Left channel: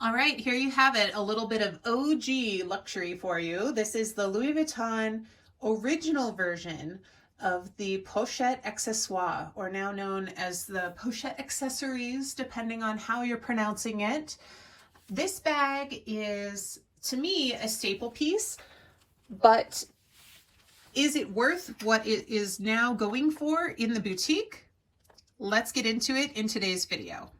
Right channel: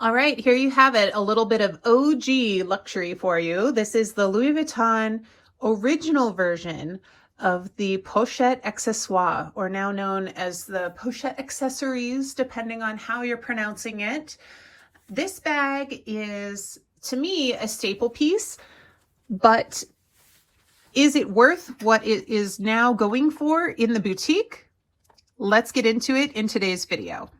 All right, here you have it, a little bit of OG luxury for you. This is the Louis Vuitton original version of the Pochette Accessoires, or now known as the Pochette Accessories, depending on how you're pronouncing it. This bag is, to me, a staple piece, but is it worth what it is now going for in the boutique? Let's get into it in today's video.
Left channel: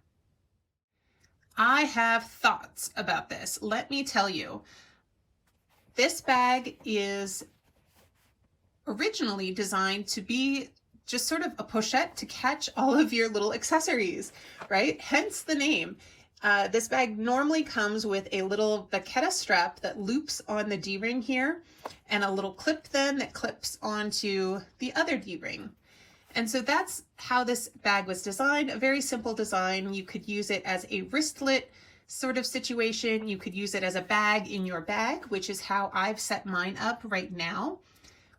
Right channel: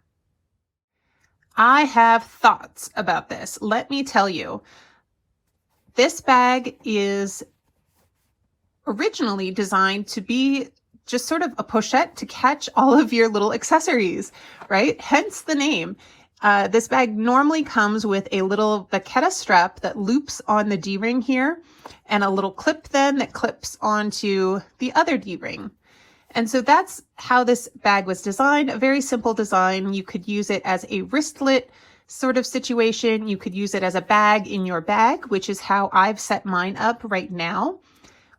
I have thoughts about this. Let me tell you, this bag is originally designed to be just sort of a pochette to catch all of your little accessories, right? Hence the name. This bag normally comes with a little vaqueta strap that loops on the D-ring here and a little clip then that clips onto the other D-ring. And so that's how this bag was designed, a very simple design. You could use it as a wristlet sort of situation. You could use it as a bag in your bag, which is how I've set mine up right now.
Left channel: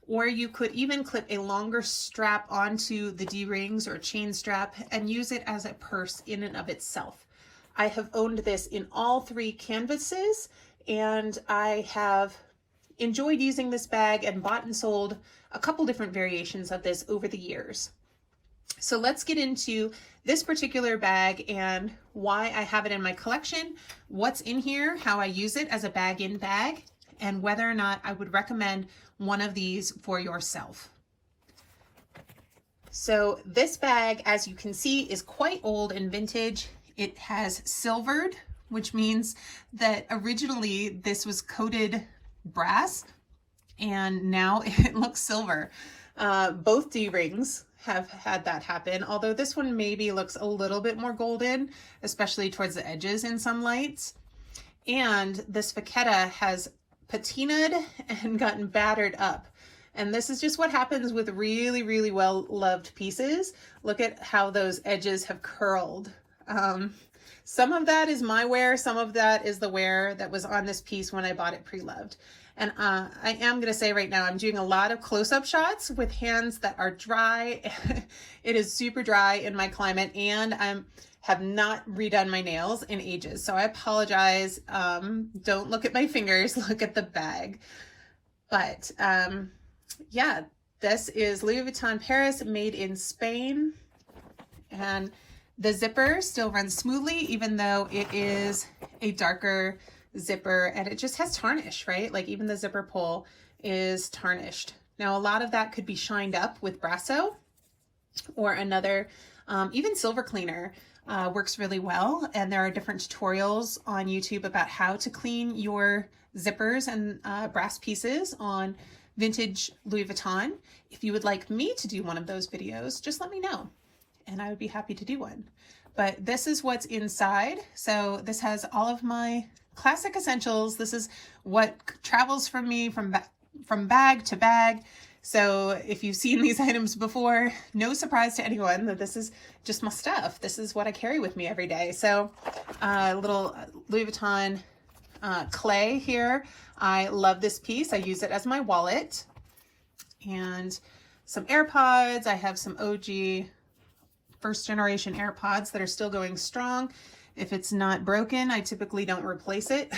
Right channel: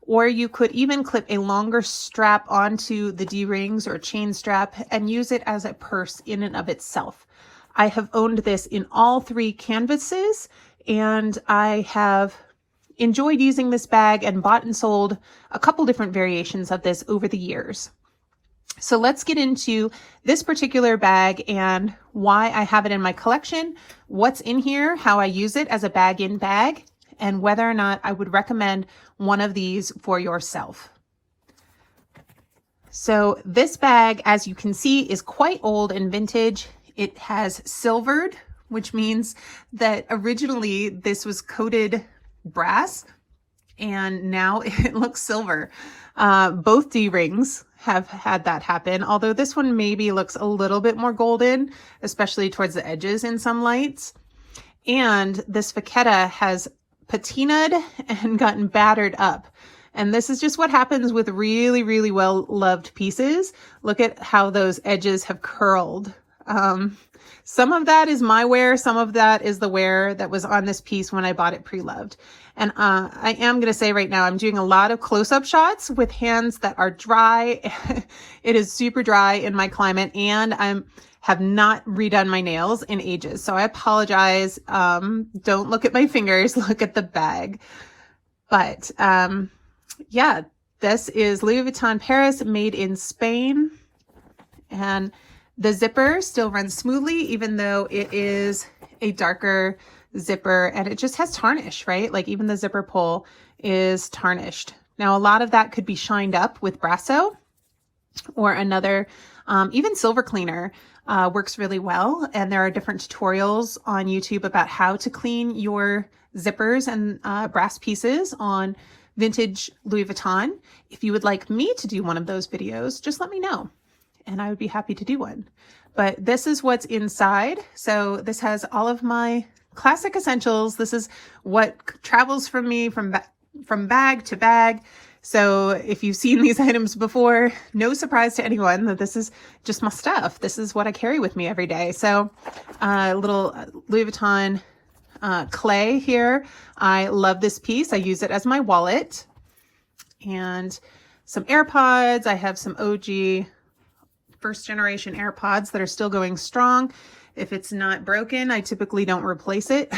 Or you could even clip a longer strap onto the D-rings or chain strap and use it as a purse in and of itself. I have owned this in all three canvases, and I have enjoyed using this bag and bought and sold a couple different variations of this over the years. So let's get into this particular bag and why I have it in my collection, what's in here, how I use it as a bag-in bag, and whether or not I would recommend one of these for yourself. So this bag, as you can see, is quite old and vintage. It has silvered, which means that originally this was coated brass and now it looks silver. Both D-rings have had that happen, although this one maybe looks a little bit more golden, especially towards the edges in some lights. And this vaqueta has patinaed and gotten battered up. And this is just what happens with really, really well-loved pieces. Look at how those edges have curled. Some of that is my wear, some of that is the wear that was on this piece when I bought it pre-loved. And I am going to say right now, I'm doing a lot of close-up shots with hands that are dry. It is super dry in my climate, and I have not redone my nails in ages. So I apologize. Don't look at my fingers, look at the bag. But yeah, this is Louis Vuitton Paris, made in Spain. And the zipper still runs smoothly, even though it is a darker zipper and it just has tarnish, right? Like even the zipper pull is tarnished. Now, a lot of that could be shined up with Brasso or another, even silver cleaner works really well. And there are different tutorials on YouTube about how to clean your zippers and brass pieces on vintage Louis Vuitton. If you would like me to do one of those videos, just let me know and I would be happy to do one. But this is what's inside. So this has all of my classic essentials. This is what travels from me from bag to bag. So if you've seen these items before, no surprise to anyone that this is just my stuff. This is what I carry with me every day. So little Louis Vuitton clay here. I love this piece. I use it as my wallet. And some AirPods. I have some OG first generation AirPods that are still going strong. If it's not broken, I typically don't replace it.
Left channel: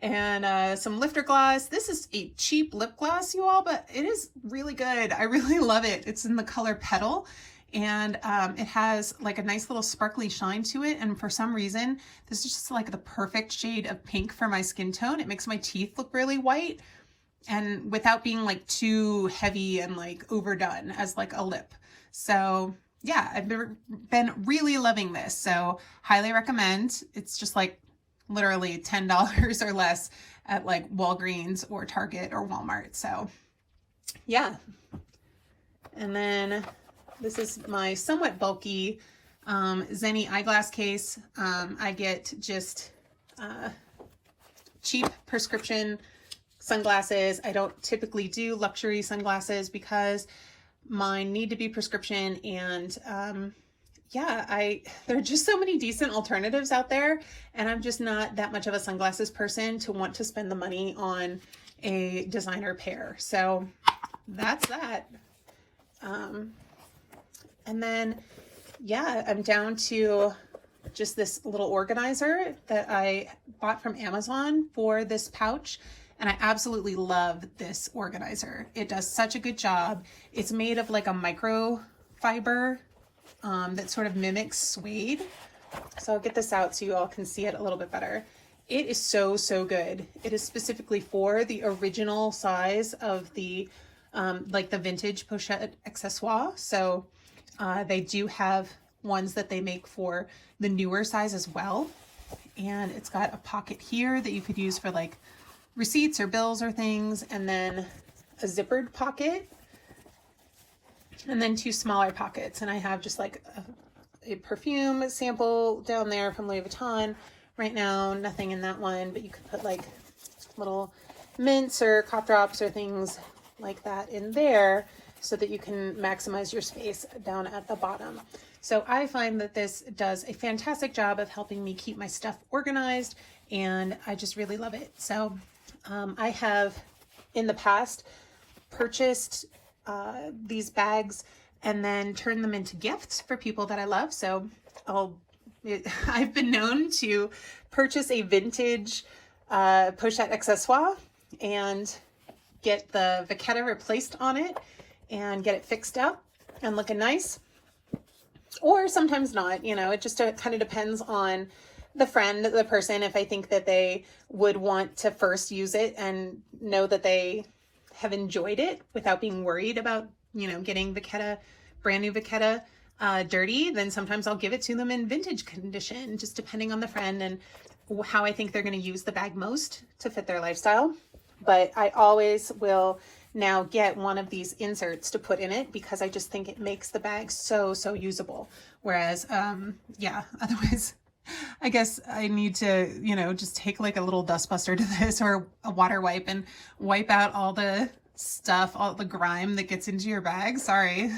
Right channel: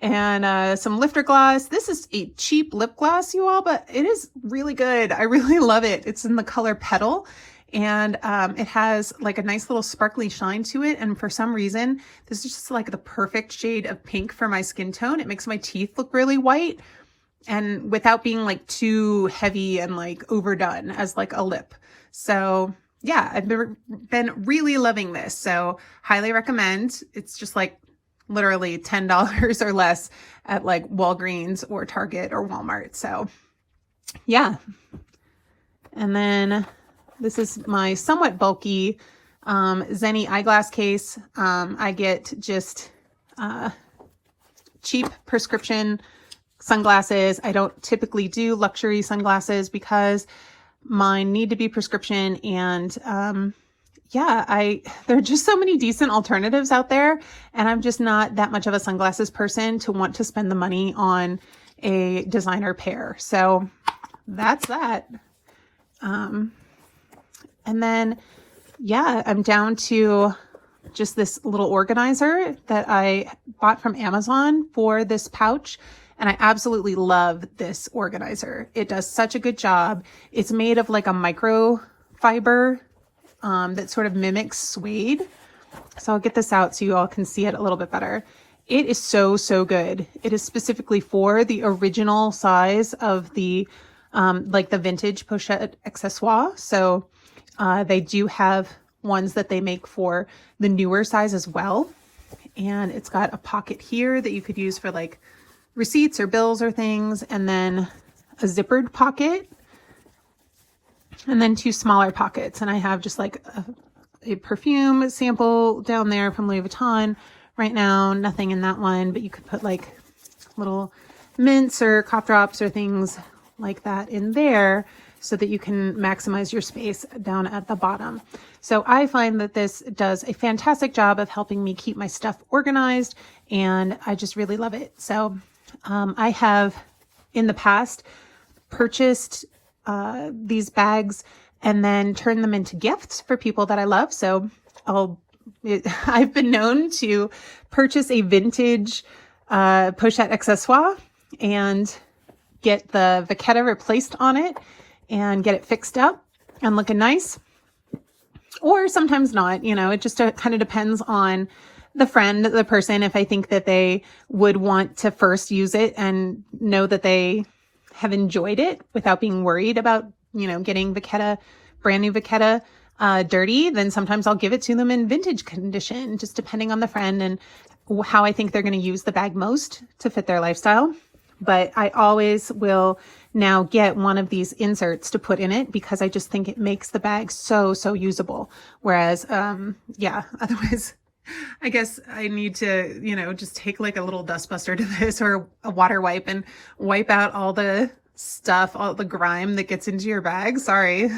And some lifter gloss. This is a cheap lip gloss, you all, but it is really good. I really love it. It's in the color Petal, and it has like a nice little sparkly shine to it. And for some reason, this is just like the perfect shade of pink for my skin tone. It makes my teeth look really white and without being like too heavy and like overdone as like a lip. So yeah, I've been really loving this. So highly recommend. It's just like literally $10 or less at like Walgreens or Target or Walmart. So yeah. And then this is my somewhat bulky Zenni eyeglass case. I get just cheap prescription sunglasses. I don't typically do luxury sunglasses because mine need to be prescription, and yeah, there are just so many decent alternatives out there, and I'm just not that much of a sunglasses person to want to spend the money on a designer pair. So that's that. And then yeah, I'm down to just this little organizer that I bought from Amazon for this pouch. And I absolutely love this organizer. It does such a good job. It's made of like a microfiber that sort of mimics suede. So I'll get this out so you all can see it a little bit better. It is so, so good. It is specifically for the original size of the, like the vintage Pochette Accessories. So they do have ones that they make for the newer size as well. And it's got a pocket here that you could use for like receipts or bills or things, and then a zippered pocket, and then 2 smaller pockets. And I have just like a perfume sample down there from Louis Vuitton. Right now, nothing in that one, but you could put like little mints or cough drops or things like that in there so that you can maximize your space down at the bottom. So I find that this does a fantastic job of helping me keep my stuff organized, and I just really love it. So I have in the past purchased these bags and then turned them into gifts for people that I love. So I've been known to purchase a vintage Pochette accessoire and get the vachetta replaced on it and get it fixed up and looking nice. Or sometimes not, you know, it just kind of depends on the friend, the person, if I think that they would want to first use it and know that they have enjoyed it without being worried about, you know, getting vachetta, brand new vachetta dirty, then sometimes I'll give it to them in vintage condition, just depending on the friend and how I think they're going to use the bag most to fit their lifestyle. But I always will now get one of these inserts to put in it because I just think it makes the bag so, so usable. Whereas, yeah, otherwise, I guess I need to, you know, just take like a little dustbuster to this or a water wipe and wipe out all the stuff, all the grime that gets into your bag. Sorry.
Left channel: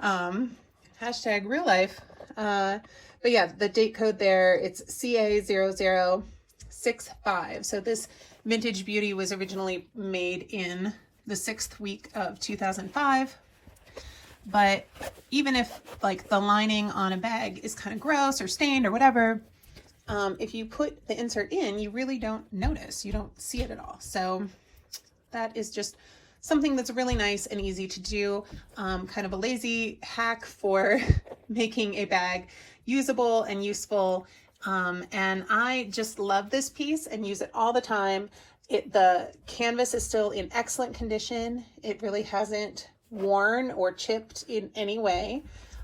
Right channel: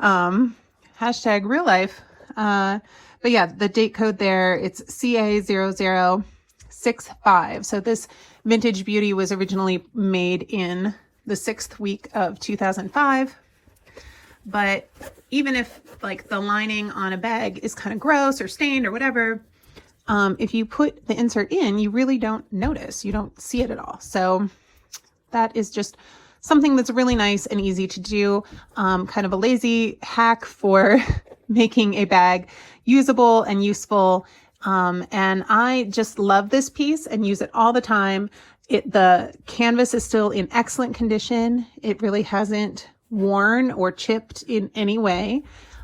Hashtag real life. But yeah, the date code there, it's CA0065. So this vintage beauty was originally made in the 6th week of 2005. But even if like the lining on a bag is kind of gross or stained or whatever, if you put the insert in, you really don't notice, you don't see it at all. So that is just something that's really nice and easy to do. Kind of a lazy hack for making a bag usable and useful. And I just love this piece and use it all the time. The canvas is still in excellent condition. It really hasn't worn or chipped in any way.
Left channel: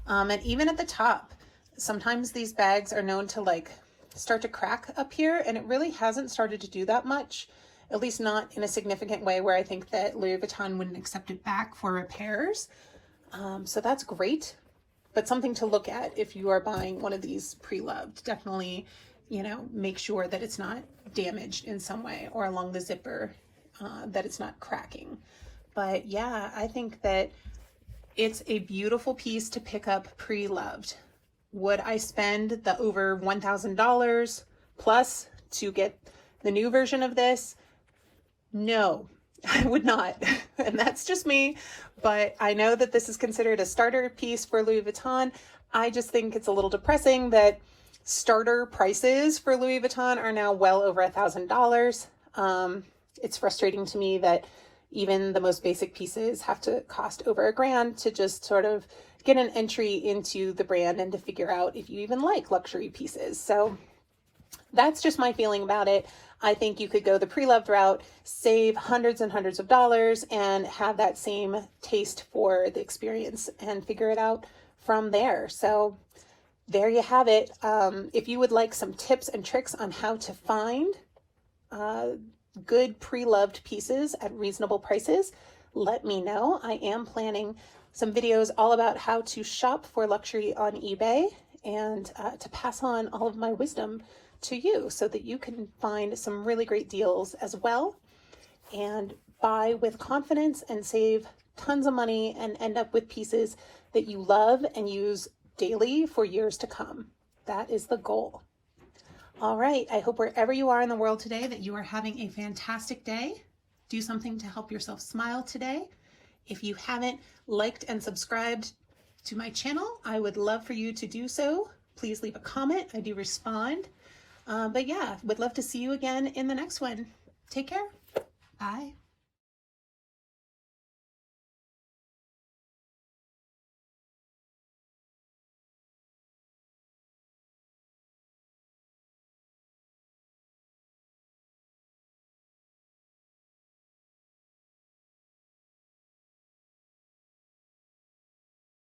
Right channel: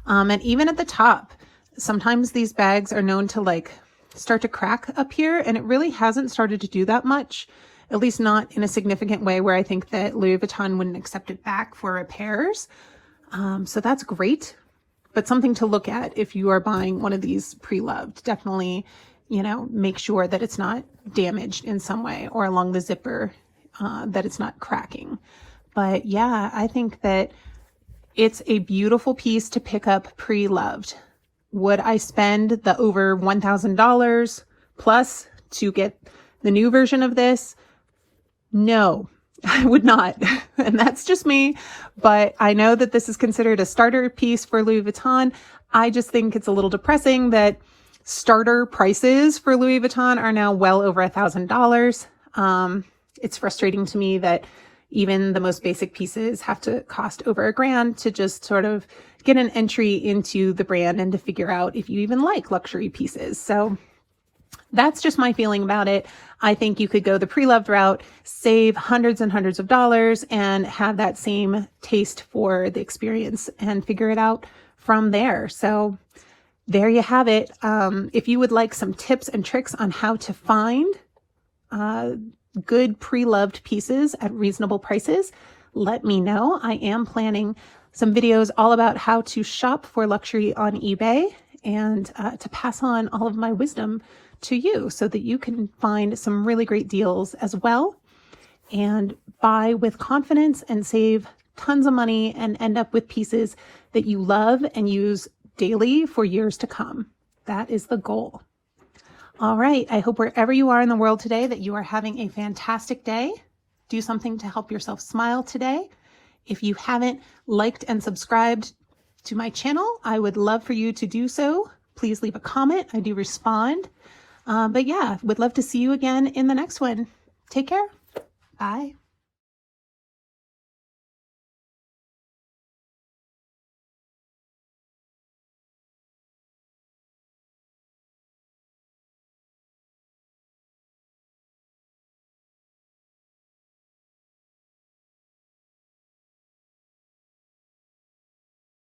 And even at the top, sometimes these bags are known to like start to crack up here, and it really hasn't started to do that much, at least not in a significant way where I think that Louis Vuitton wouldn't accept it back for repairs. So that's great, but something to look at if you are buying one of these pre-loved. Definitely, you know, make sure that it's not damaged in some way or along the zipper, that it's not cracking. But yeah, I think that it's a beautiful piece to pick up pre-loved. Would I spend the over $1,000 plus to get the new version of this? No, I would not. And that's just me. But I know that this is considered a starter piece for Louis Vuitton. I just think it's a little depressing that starter prices for Louis Vuitton are now well over $1,000. It's frustrating to me that even the most basic pieces have to cost over $1,000 to just sort of get an entry into the brand and to figure out if you even like luxury pieces. So that's just my feeling about it. I think you could go the pre-loved route, save hundreds and hundreds of dollars, and have that same taste for the experience and figure it out from there. So there you have it. If you would like some tips and tricks on how to find good pre-loved pieces at reasonable prices, let me know. I am planning some videos all about how to shop for luxury on eBay and to pass on all of my wisdom to you so that you can find some really great deals as well and buy with confidence and save tons of money and end up with pieces that you love and use daily for years to come. That is the goal. All right, I hope wherever you are in the world today that you are having a fantastic day. Do something to help yourself smile today. If you haven't liked and subscribed to my channel, I would love for you to do so. please leave a comment. I do respond. But yeah, would love to see you again in the next one. Take care. Bye.